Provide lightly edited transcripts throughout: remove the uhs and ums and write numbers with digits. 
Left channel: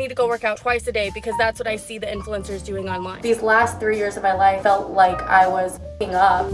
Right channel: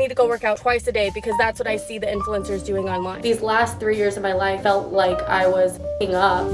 need to go work out twice a day because that's what I see the influencers doing online. These last 3 years of my life felt like I was f***ing up.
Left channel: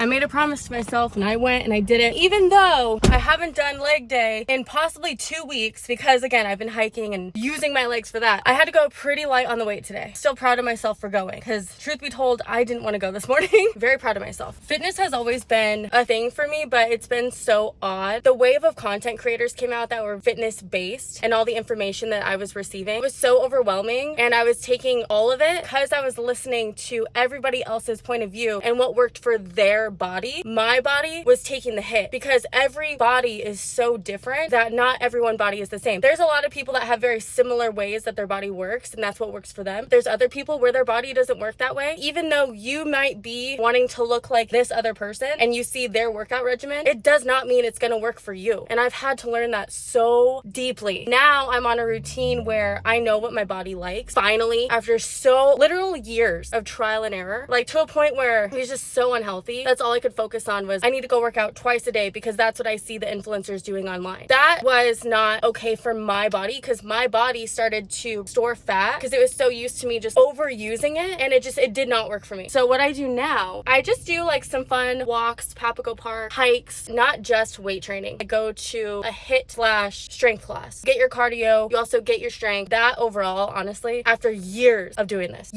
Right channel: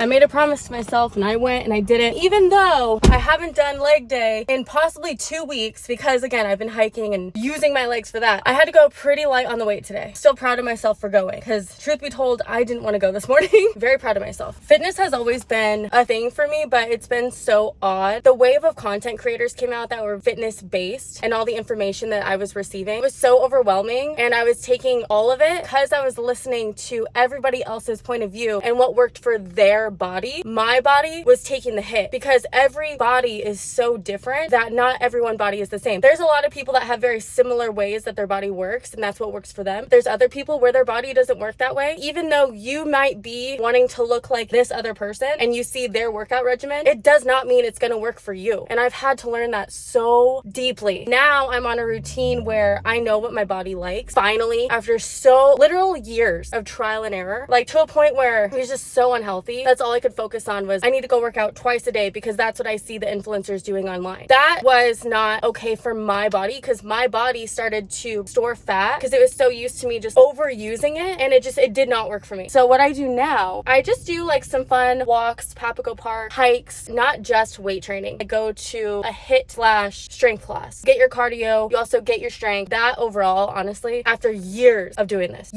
I made a promise to myself and I went and I did it, even though I haven't done leg day in possibly 2 weeks because, again, I've been hiking and using my legs for that. I had to go pretty light on the weight today. Still proud of myself for going because, truth be told, I didn't want to go this morning. Very proud of myself. Fitness has always been a thing for me, but it's been so odd. The wave of content creators came out that were fitness based and all the information that I was receiving was so overwhelming, and I was taking all of it because I was listening to everybody else's point of view and what worked for their body. My body was taking the hit because every body is so different that not everyone's body is the same. There's a lot of people that have very similar ways that their body works and that's what works for them. There's other people where their body doesn't work that way. Even though you might be wanting to look like this other person and you see their workout regimen, it does not mean it's going to work for you. And I've had to learn that so deeply. Now I'm on a routine where I know what my body likes. Finally, after so literal years of trial and error, like to a point where it was just so unhealthy. That's all I could focus on was I need to go work out twice a day because that's what I see the influencers doing online. That was not okay for my body because my body started to store fat because it was so used to me just overusing it, and it did not work for me. So what I do now, I just do like some fun walks, Papago Park, hikes, not just weight training. I go to a HIIT/strength class. Get your cardio, you also get your strength. That overall, honestly, after years of doing this,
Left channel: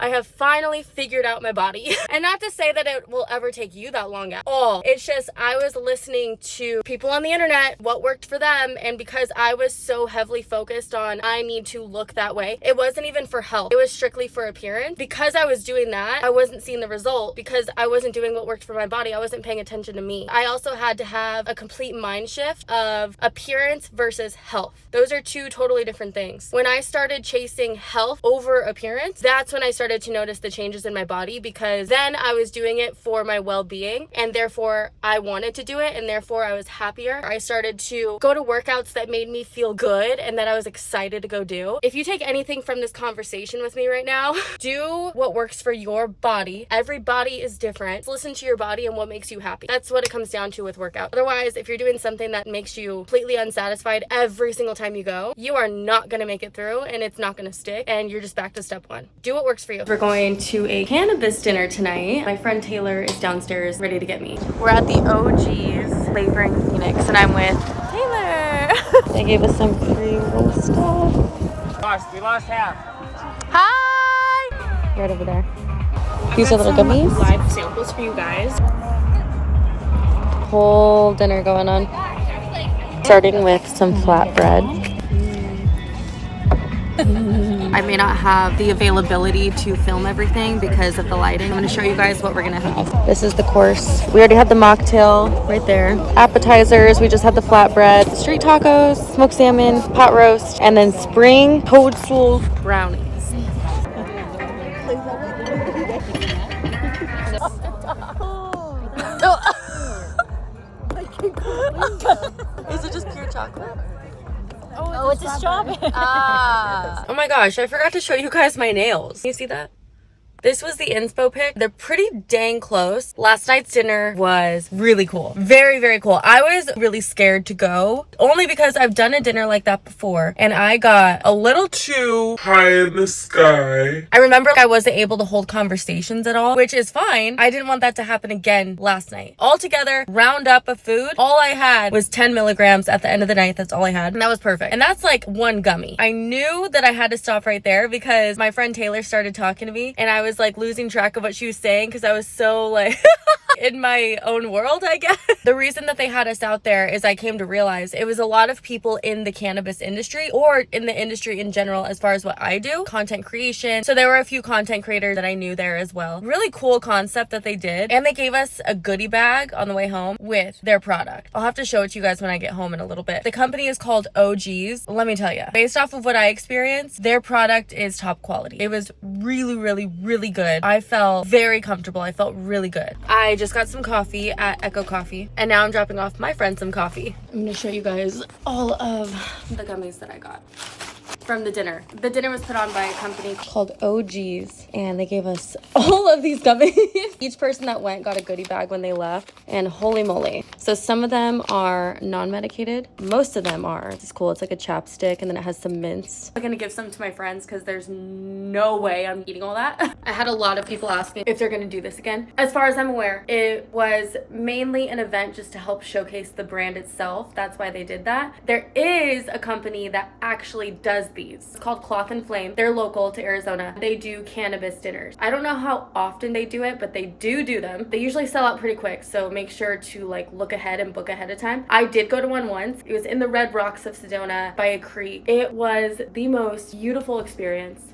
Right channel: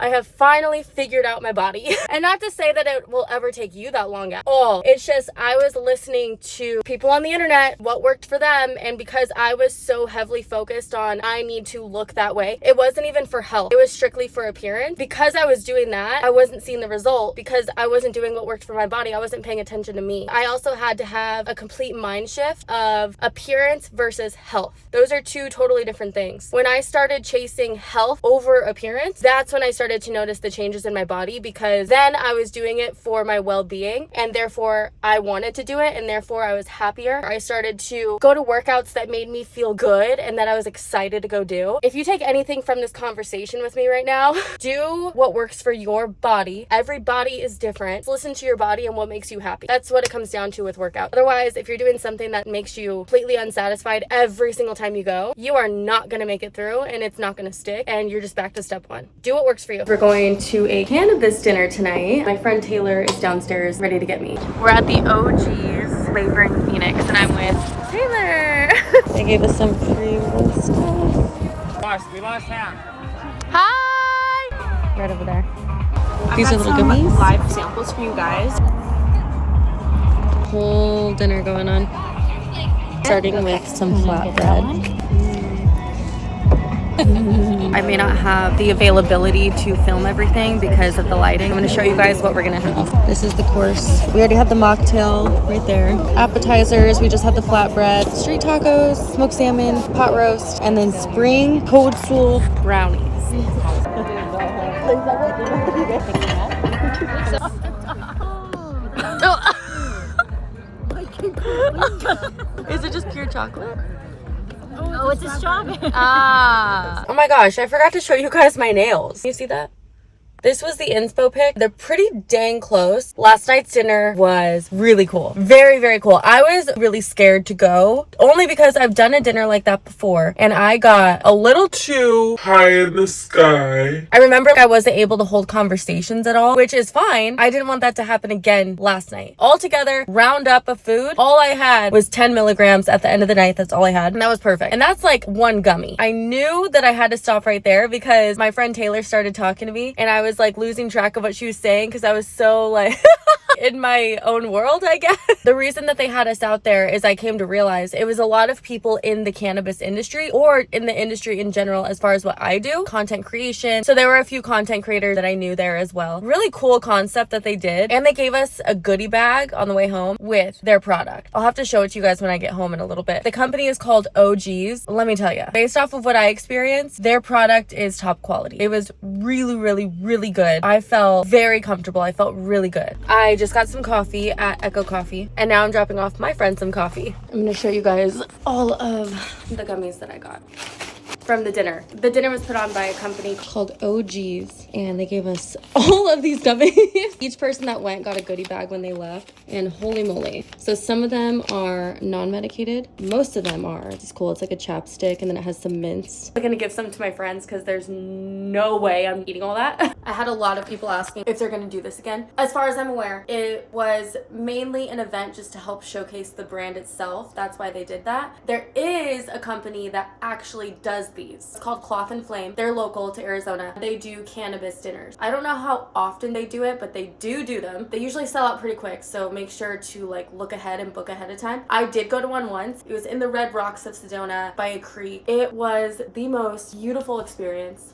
I have finally figured out my body. And not to say that it will ever take you that long at all. It's just I was listening to people on the internet, what worked for them, and because I was so heavily focused on I need to look that way, it wasn't even for health. It was strictly for appearance. Because I was doing that, I wasn't seeing the result because I wasn't doing what worked for my body. I wasn't paying attention to me. I also had to have a complete mind shift of appearance versus health. Those are two totally different things. When I started chasing health over appearance, that's when I started to notice the changes in my body because then I was doing it for my well-being and therefore I wanted to do it and therefore I was happier. I started to go to workouts that made me feel good and that I was excited to go do. If you take anything from this conversation with me right now, do what works for your body. Every body is different. Listen to your body and what makes you happy. That's what it comes down to with workout. Otherwise, if you're doing something that makes you completely unsatisfied every single time you go, you are not going to make it through and it's not going to stick and you're just back to step one. Do what works for you. We're going to a cannabis dinner tonight. My friend Taylor is downstairs ready to get me. We're at the OG's flavor in Phoenix and I'm with Taylor. They gave us some free roll stuff. We lost half. Hi! Right over there. These are little gummies. Live samples for you guys. Whole dinner going on. Starting with some flatbread. I may not have the availability to film everything because of the lighting. I'm going to show you guys what we're going to have. This is the course. We already had the mocktail right there. Appetizers, we just had the flatbread, street tacos, smoked salmon, pot roast, and then spring toadstool brownies. Is it just pure chocolate? Oh, it's a strawberry. Ah. Oh my gosh, I forgot to show you guys my nails. Can you see that? This was the inspo pic. They're pretty dang close. Last night's dinner was really cool. Very, very cool. I was really scared to go only because I've done a dinner like that before and I got a little too high in the sky. I remember I wasn't able to hold conversations at all, which is fine. I didn't want that to happen again last night. Altogether, round up of food, all I had was 10 milligrams at the end of the night. That's all I had. And that was perfect. And that's like one gummy. I knew that I had to stop right there because my friend Taylor started talking to me and I was like losing track of what she was saying because I was so like in my own world, I guess. The reason that they had us out there is I came to realize it was a lot of people in the cannabis industry or in the industry in general as far as what I do, content creation. So there were a few content creators that I knew there as well. Really cool concept that they did. And they gave us a goodie bag on the way home with their product. I'll have to show it to you guys when I get home in a little bit. The company is called OG's. Let me tell you, based off of what I experienced, their product is top quality. It was really, really, really good. I felt very comfortable. I felt really good. I just got some coffee at Echo Coffee and now I'm dropping off my friend some coffee. I'm gonna show you guys all of the gummies that I got. from the dinner. The dinner was put on by a company called OG's, and they gave us all of these gummies. Each person that went got a goodie bag when they left, and holy moly. So some of them are non-medicated. Most of them are. It's cool. It's like a chapstick, and then it has some mints. I'm gonna give some to my friends because there's no way I'm eating all that. I had a lot of people ask me if they're gonna do this again. As far as I'm aware, it was mainly an event just to help showcase the brand itself. That's why they did that. There is a company that actually does these. It's called Cloth and Flame. They're local to Arizona. They do cannabis dinners. I don't know how often they do it, but they do them. They usually sell out pretty quick, so make sure to like look ahead and book ahead of time. I did go to one once. It was in the Red Rocks of Sedona by a creek. It was the most beautiful experience.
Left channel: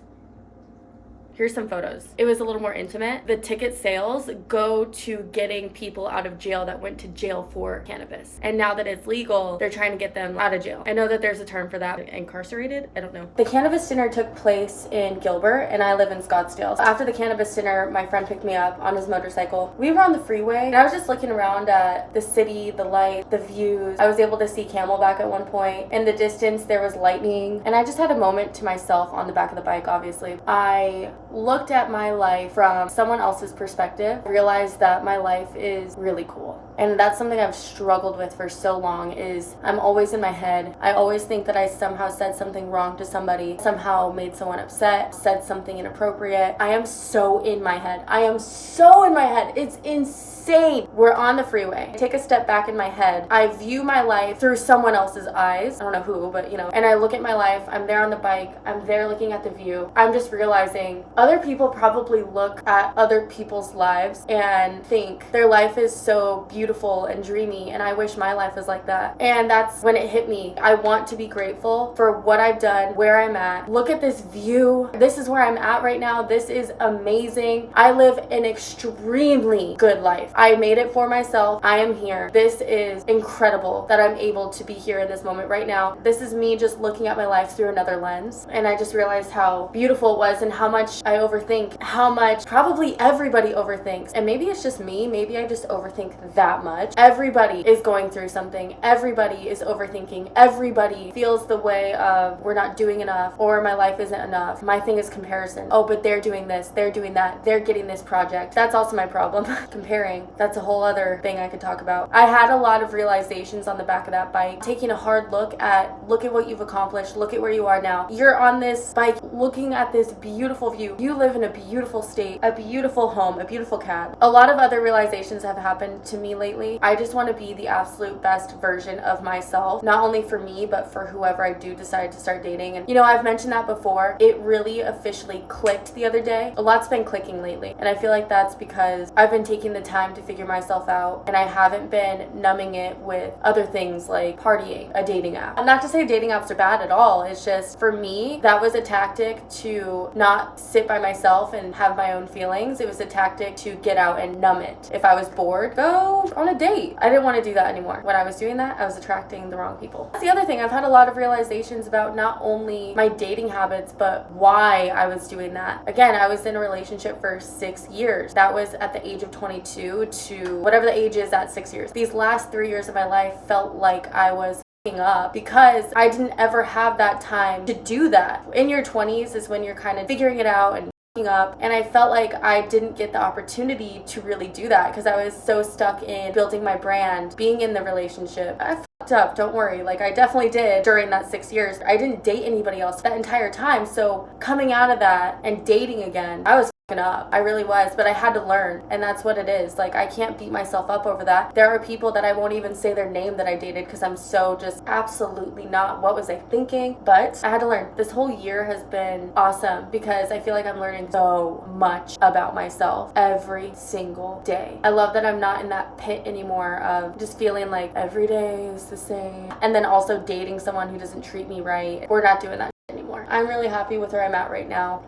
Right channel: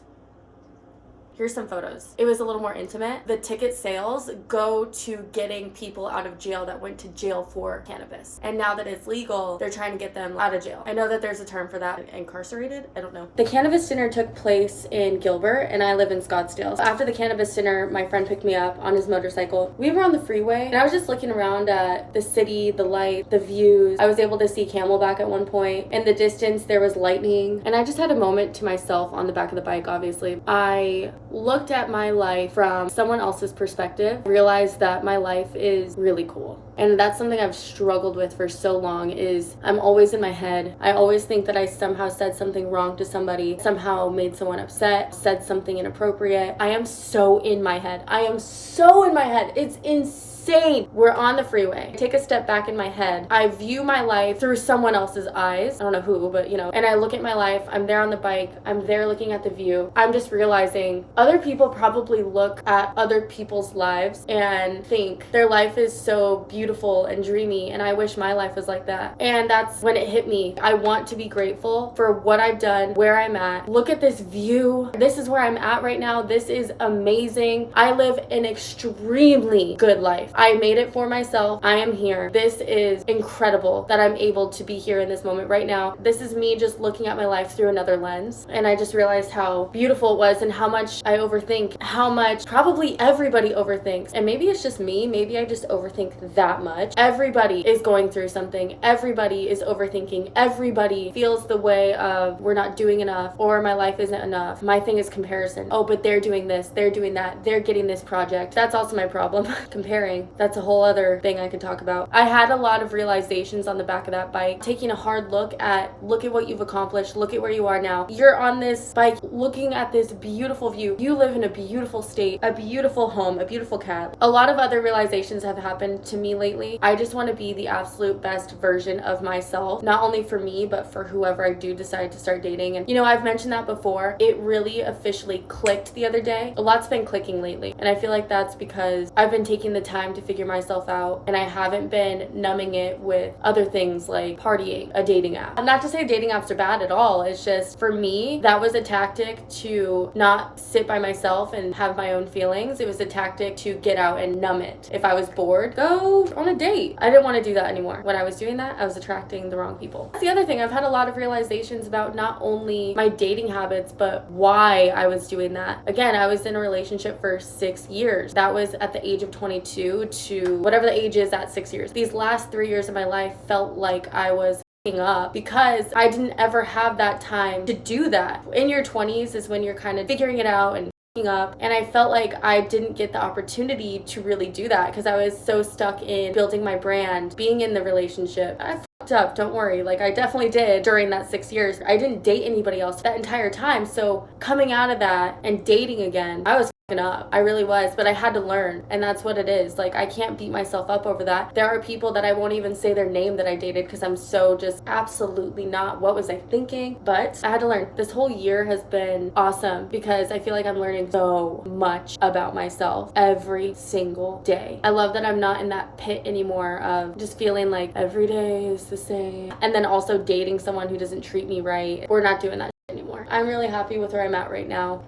Here's some photos. It was a little more intimate. The ticket sales go to getting people out of jail that went to jail for cannabis. And now that it's legal, they're trying to get them out of jail. I know that there's a term for that. Incarcerated? I don't know. The cannabis dinner took place in Gilbert, and I live in Scottsdale. So after the cannabis dinner, my friend picked me up on his motorcycle. We were on the freeway, and I was just looking around at the city, the light, the views. I was able to see Camelback at one point. In the distance, there was lightning, and I just had a moment to myself on the back of the bike, obviously. I looked at my life from someone else's perspective, realized that my life is really cool. And that's something I've struggled with for so long, is I'm always in my head. I always think that I somehow said something wrong to somebody, somehow made someone upset, said something inappropriate. I am so in my head. It's insane. We're on the freeway. I take a step back in my head. I view my life through someone else's eyes. I don't know who, but and I look at my life. I'm there on the bike. I'm there looking at the view. I'm just realizing other people probably look at other people's lives and think their life is so beautiful and dreamy, and I wish my life was like that. And that's when it hit me. I want to be grateful for what I've done, where I'm at. Look at this view. This is where I'm at right now. This is amazing. I live an extremely good life. I made it for myself. I am here. This is incredible that I'm able to be here in this moment right now. This is me just looking at my life through another lens. And I just realized how beautiful it was and how much I overthink, how much probably everybody overthinks. And maybe it's just me. Maybe I just overthink that much. Everybody is going through something. Everybody is overthinking. Everybody feels the way of we're not doing enough or my life isn't enough. My thing is comparison. Oh, but they're doing this. They're doing that. They're getting this project. That's also my problem. Comparing. That's a whole other thing I could talk about. I had a lot of realizations on the back of that bike, taking a hard look at what you've accomplished. Look at where you are now. You're on this bike looking at this beautiful view. You live in a beautiful state, a beautiful home, a beautiful cat. A lot of other realizations have happened to me lately. I just want to be the absolute best version of myself, not only for me, but for whoever I do decide to start dating. And I've mentioned that before. It really officially clicked the other day. A lot's been clicking lately, and I feel like that's because I've been taking the time to figure myself out, and I haven't been numbing it with other things like partying, a dating app. And not to say dating apps are bad at all. It's just, for me, that was a tactic to not sit by myself and have my own feelings. It was a tactic to get out and numb it. If I was bored, go on a date. I didn't want to do that anymore. When I was doing that, I was attracting the wrong people. That's the other thing. I've had a lot of realizations about not only my dating habits, but why I was doing that. Again, I was in a relationship for 6 years. That was at the age of 22 to whatever the age is at 6 years. These last 3 years of my life felt like I was up because I didn't ever have that time to do that. In your 20s is when you're kind of figuring it out and up, and I felt like I didn't get the opportunity to really do that because I was so stuck in building my brand, being in the relationship. I fucked up, don't worry. Like, I definitely did during that 6 years. I didn't date anybody else that entire time, so coming out of that and dating again, I was up. I really was, but I had to learn, and that's what it is. Like, I can't beat myself up over that. There are people that I won't even say their name that I dated because I'm so just absolutely not, what was I thinking? But I had to learn. This whole year has been awesome because I feel like I'm learning so much about myself every single day. I love that I'm not in that pit anymore of just feeling like every day is the same, and then also dating someone who doesn't treat me right. We're not doing that anymore. I'm really happy with where I'm at right now.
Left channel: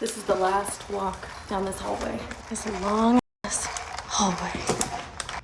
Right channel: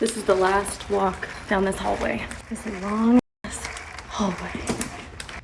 This is the last walk down this hallway. This long hallway.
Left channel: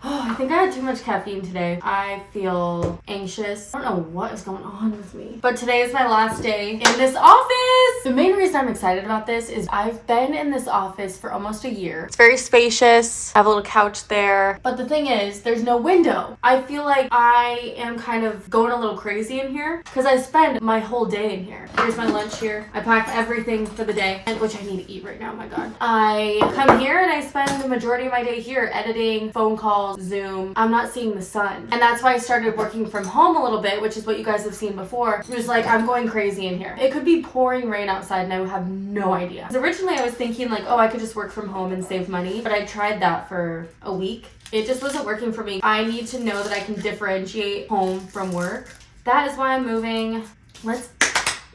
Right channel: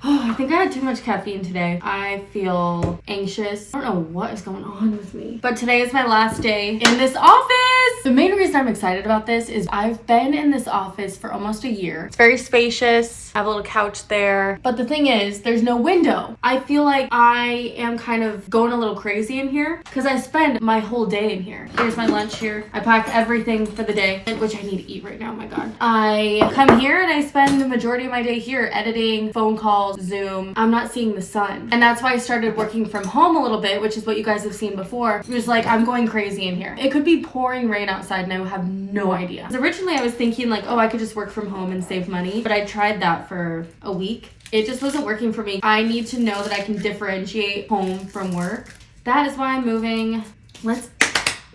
Oh, I think I had too much caffeine today. I feel anxious. I don't know what is going on with me. But today is my last day in this office. The main reason I'm excited about this is I've been in this office for almost a year. It's very spacious. I have a little couch there. But the thing is, there's no window. I feel like I am kind of going a little crazy in here because I spend my whole day in here. Here's my lunch here. I pack everything for the day, which I need to eat right now, my God. I come here and I spend the majority of my day here editing, phone calls, Zoom. I'm not seeing the sun. And that's why I started working from home a little bit, which is what you guys have seen before. It was like, I'm going crazy in here. It could be pouring rain outside and I would have no idea. 'Cause originally I was thinking like, oh, I could just work from home and save money. But I tried that for a week. It just wasn't working for me. I need to know that I can differentiate home from work. That is why I'm moving. Let's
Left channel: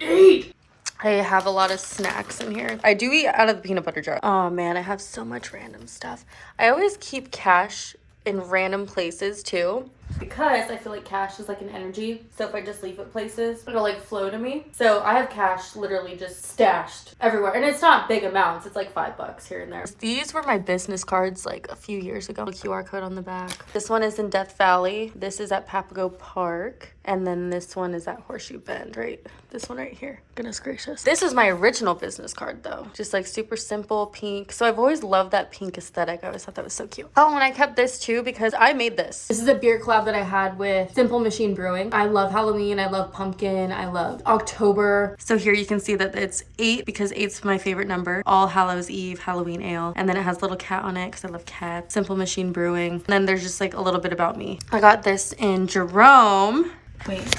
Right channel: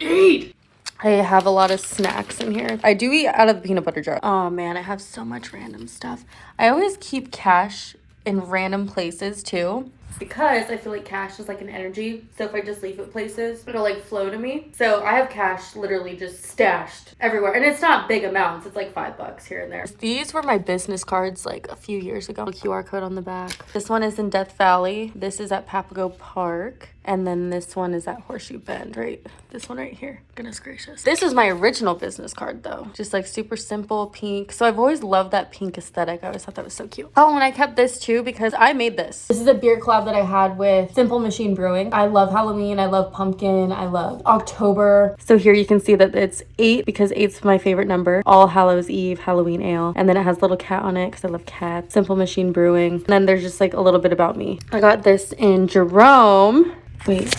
eat. I have a lot of snacks in here. I do eat out of the peanut butter jar. Oh man, I have so much random stuff. I always keep cash in random places too, because I feel like cash is like an energy. So if I just leave it places, it'll like flow to me. So I have cash literally just stashed everywhere. And it's not big amounts. It's like $5 here and there. These were my business cards like a few years ago. A QR code on the back. This one is in Death Valley. This is at Papago Park. And then this one is at Horseshoe Bend, right? This one right here. Goodness gracious. This is my original business card though. Just like super simple pink. So I've always loved that pink aesthetic. I always thought that was so cute. Oh, and I kept this too because I made this. This is a beer collab that I had with Simple Machine Brewing. I love Halloween. I love pumpkin. I love October. So here you can see that it's 8 because 8's my favorite number. All Hallows Eve Halloween ale. And then it has a little cat on it because I love cats. Simple Machine Brewing. And then there's just like a little bit about me. I got this in Jerome. Wait, it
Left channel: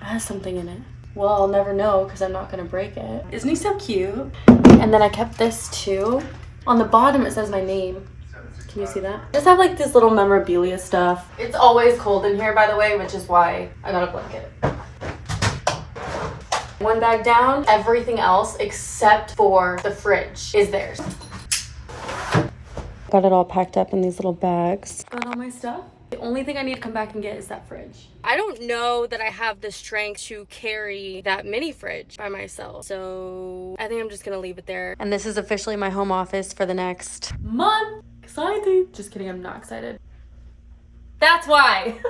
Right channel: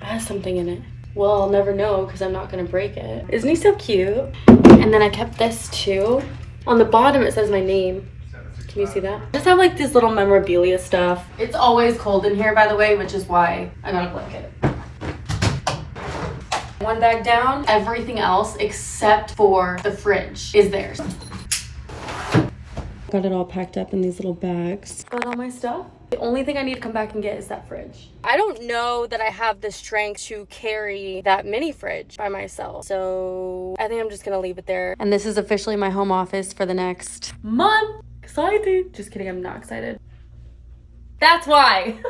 has something in it. Well, I'll never know because I'm not gonna break it. Isn't he so cute? And then I kept this too. On the bottom it says my name. Can you see that? I just have like this little memorabilia stuff. It's always cold in here, by the way, which is why I got a blanket. One bag down, everything else except for the fridge is theirs. Got it all packed up in these little bags. Got all my stuff. The only thing I need to come back and get is that fridge. I don't know that I have the strength to carry that mini fridge by myself. So I think I'm just gonna leave it there. And this is officially my home office for the next month. Excited. Just kidding, I'm not excited. That's why.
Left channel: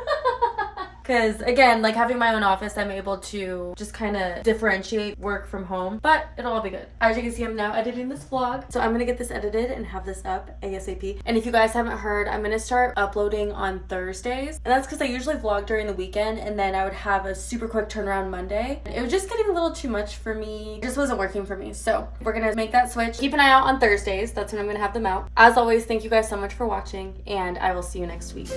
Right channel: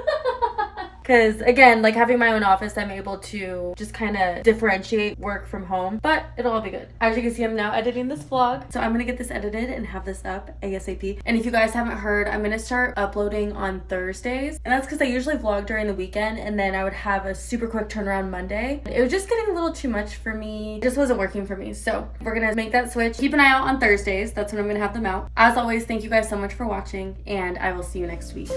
Because again, like having my own office, I'm able to just kind of differentiate work from home, but it'll all be good. As you can see, I'm now editing this vlog. So I'm going to get this edited and have this up ASAP. And if you guys haven't heard, I'm going to start uploading on Thursdays. And that's because I usually vlog during the weekend and then I would have a super quick turnaround Monday. It was just getting a little too much for me. It just wasn't working for me. So we're going to make that switch. Keep an eye out on Thursdays. That's when I'm going to have them out. As always, thank you guys so much for watching and I will see you next week.